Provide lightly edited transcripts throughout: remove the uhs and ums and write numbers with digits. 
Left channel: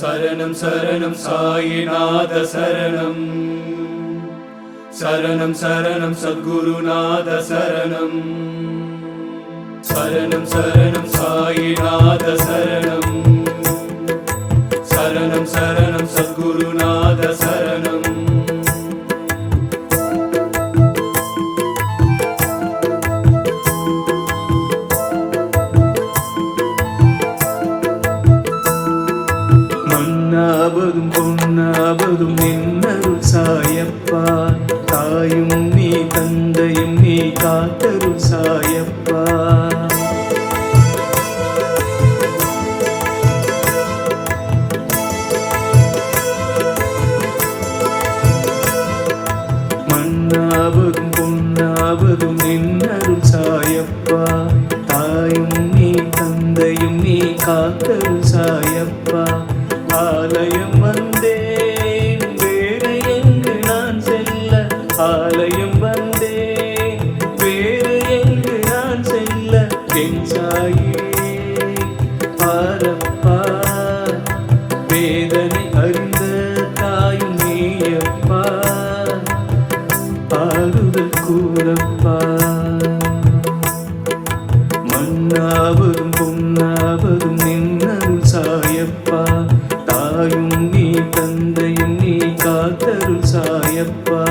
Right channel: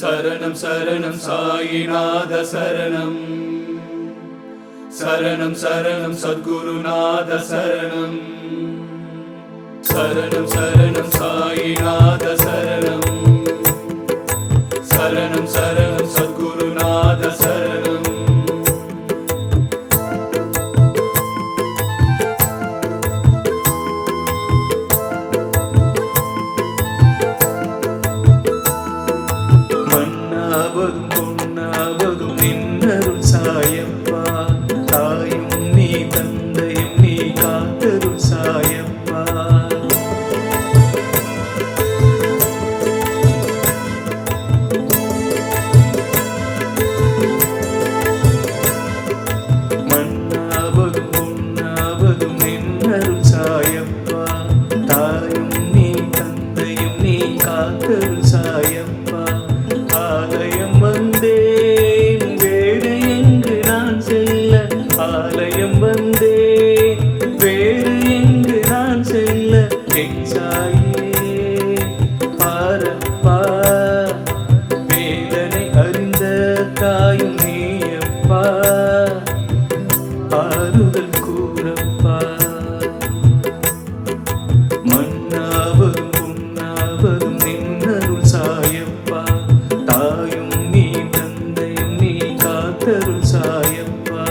சரணம் சரணம் சாயிநாத சரணம். சரணம் சரணம் சத்குருநாத சரணம். சரணம் சரணம் சாயிநாத சரணம். சரணம் சரணம் சத்குருநாத சரணம். மண்ணாவதும் பொன்னாவதும் நின்னருள் சாயப்பா. தாயும் நீ தந்தையும் நீ காத்தருள் சாயப்பா. மண்ணாவதும் பொன்னாவதும் நின்னருள் சாயப்பா. தாயும் நீ தந்தையும் நீ காத்தருள் சாயப்பா. ஆலயம் வந்தேன் வேறு எங்கு நான் செல்ல. ஆலயம் வந்தேன் வேறு எங்கு நான் செல்ல. என் சாயே பாரப்பா. வேதனை அறிந்த தாயும் நீயப்பா. ஆறுதல் கூறப்பா. மண்ணாவதும் பொன்னாவதும் நின்னருள் சாயப்பா. தாயும் நீ தந்தையும் நீ காத்தருள் சாயப்பா.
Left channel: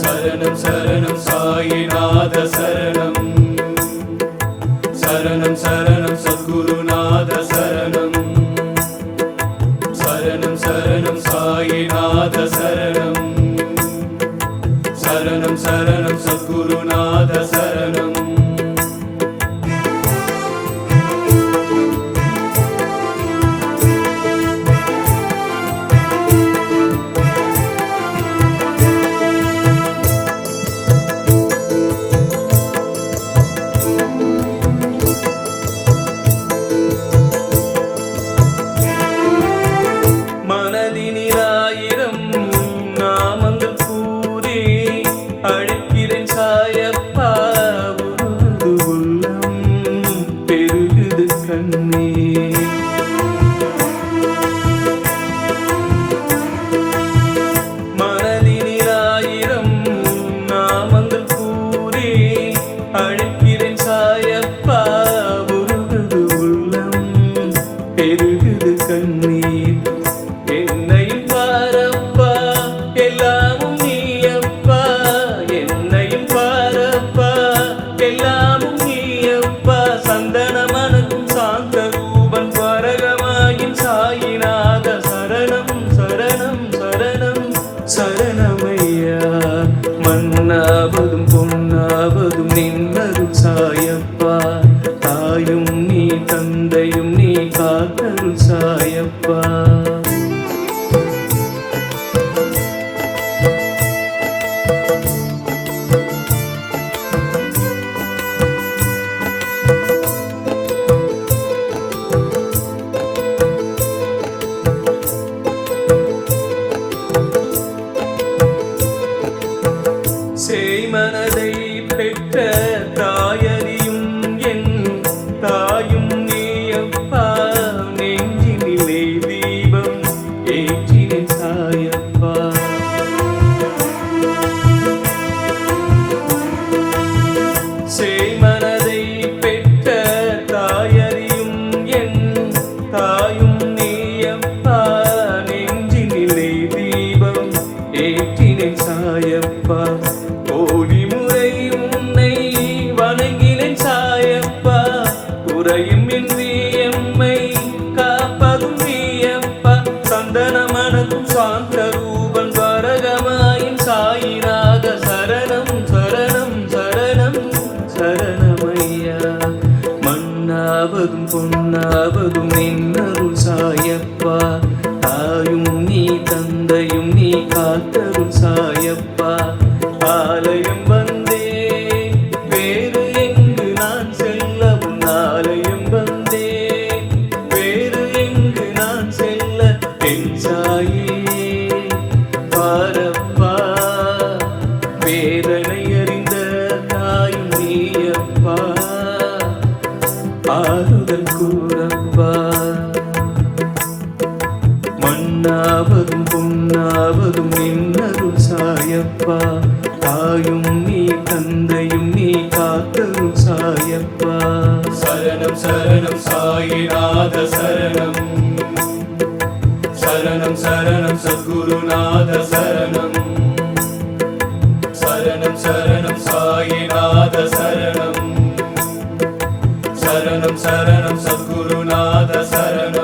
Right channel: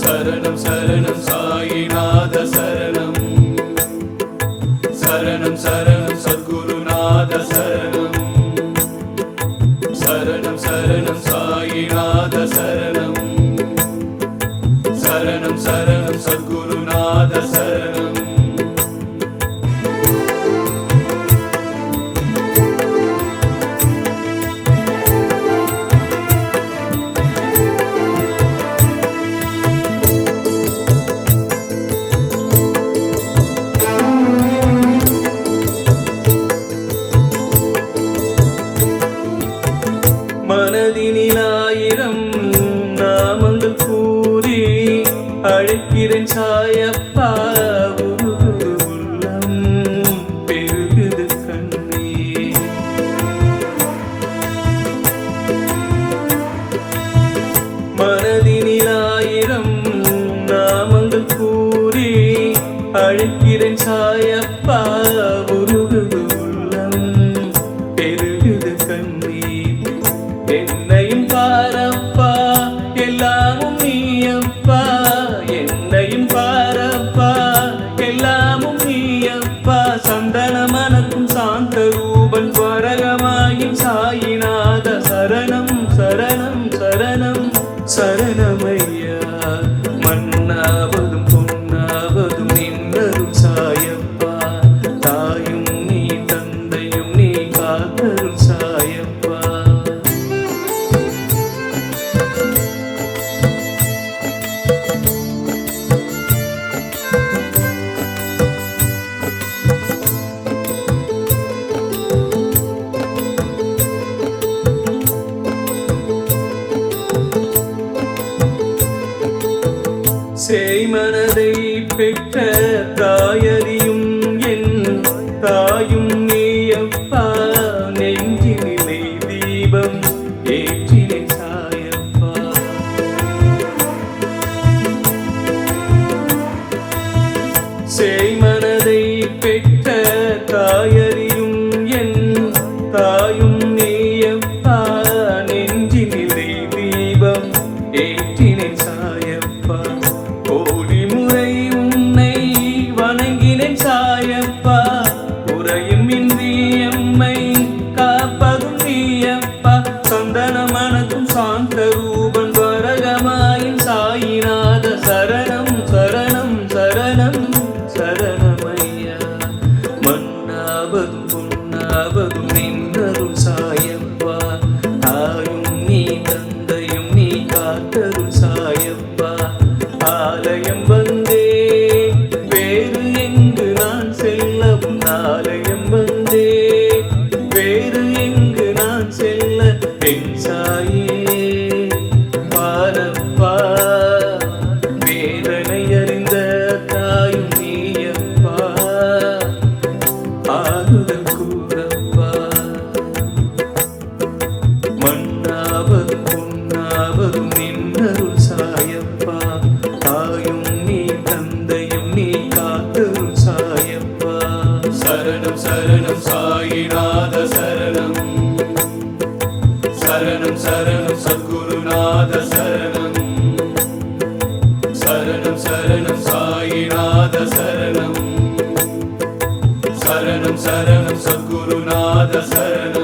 சரணம் சரணம் சாயிநாத சரணம். சரணம் சரணம் சத்குருநாத சரணம். சரணம் சரணம் சாயிநாத சரணம். சரணம் சரணம் சத்குருநாத சரணம். மனதினில் 1000 நாமங்கள் கூறி அழைக்கிறேன் சாயப்பா. உருகுது உள்ளம் பெருகுது கண்ணே. மனதினில் 1000 நாமங்கள் கூறி அழைக்கிறேன் சாயப்பா. உருகுது உள்ளம் பெருகுது கண்ணீர். என்னையும் பாரப்பா எல்லாமும் நீயப்பா. என்னையும் பாரப்பா எல்லாமும் நீயப்பா. சந்தன மனக்கும் சாந்த ரூபன் துவரகமாயின் சாயிநாத சரணம் சரணம் சரணம் சரணமையா. மண்ணாவதும் பொன்னாவதும் நின்னருள் சாயப்பா. தாயும் நீ தந்தையும் நீ காத்தருள் சாயப்பா. சேய்மனதை பெற்ற தாயறியும் என் தாயும் நீயப்பா. நெஞ்சினிலே தீபம் ஏற்றினேன் சாயப்பா. சேய்மனதை பெற்ற தாயறியும் என் தாயும் நீயப்பா. நெஞ்சினிலே தீபம் ஏற்றினேன் சாயப்பா. கோடி முறை உன்னை வணங்கினேன் சாயப்பா. குறையும் இன்றி எம்மை காப்பதும் நீயப்பா. சந்தன மனக்கும் சாந்த ரூபன் துவரகமாயின் சாயிநாத சரணம் சரணம் சரணம் சரணமையா. மண்ணாவதும் பொன்னாவதும் நின்னருள் சாயப்பா. தாயும் நீ தந்தையும் நீ காத்தருள் சாயப்பா. ஆலயம் வந்தேன் வேறு எங்கு நான் செல்ல. உன் ஆலயம் வந்தேன் வேறு எங்கு நான் செல்ல. என் சாயே பாரப்பா. வேதனை அறிந்த தாயும் நீயப்பா. ஆறுதல் கூறப்பா. மண்ணாவதும் பொன்னாவதும் நின்னருள் சாயப்பா. தாயும் நீ தந்தையும் நீ காத்தருள் சாயப்பா. சரணம் சரணம் சாயிநாத சரணம். சரணம் சரணம் சத்குருநாத சரணம். சரணம் சரணம் சாயிநாத சரணம். சரணம் சரணம் சத்குருநாத சரணம்.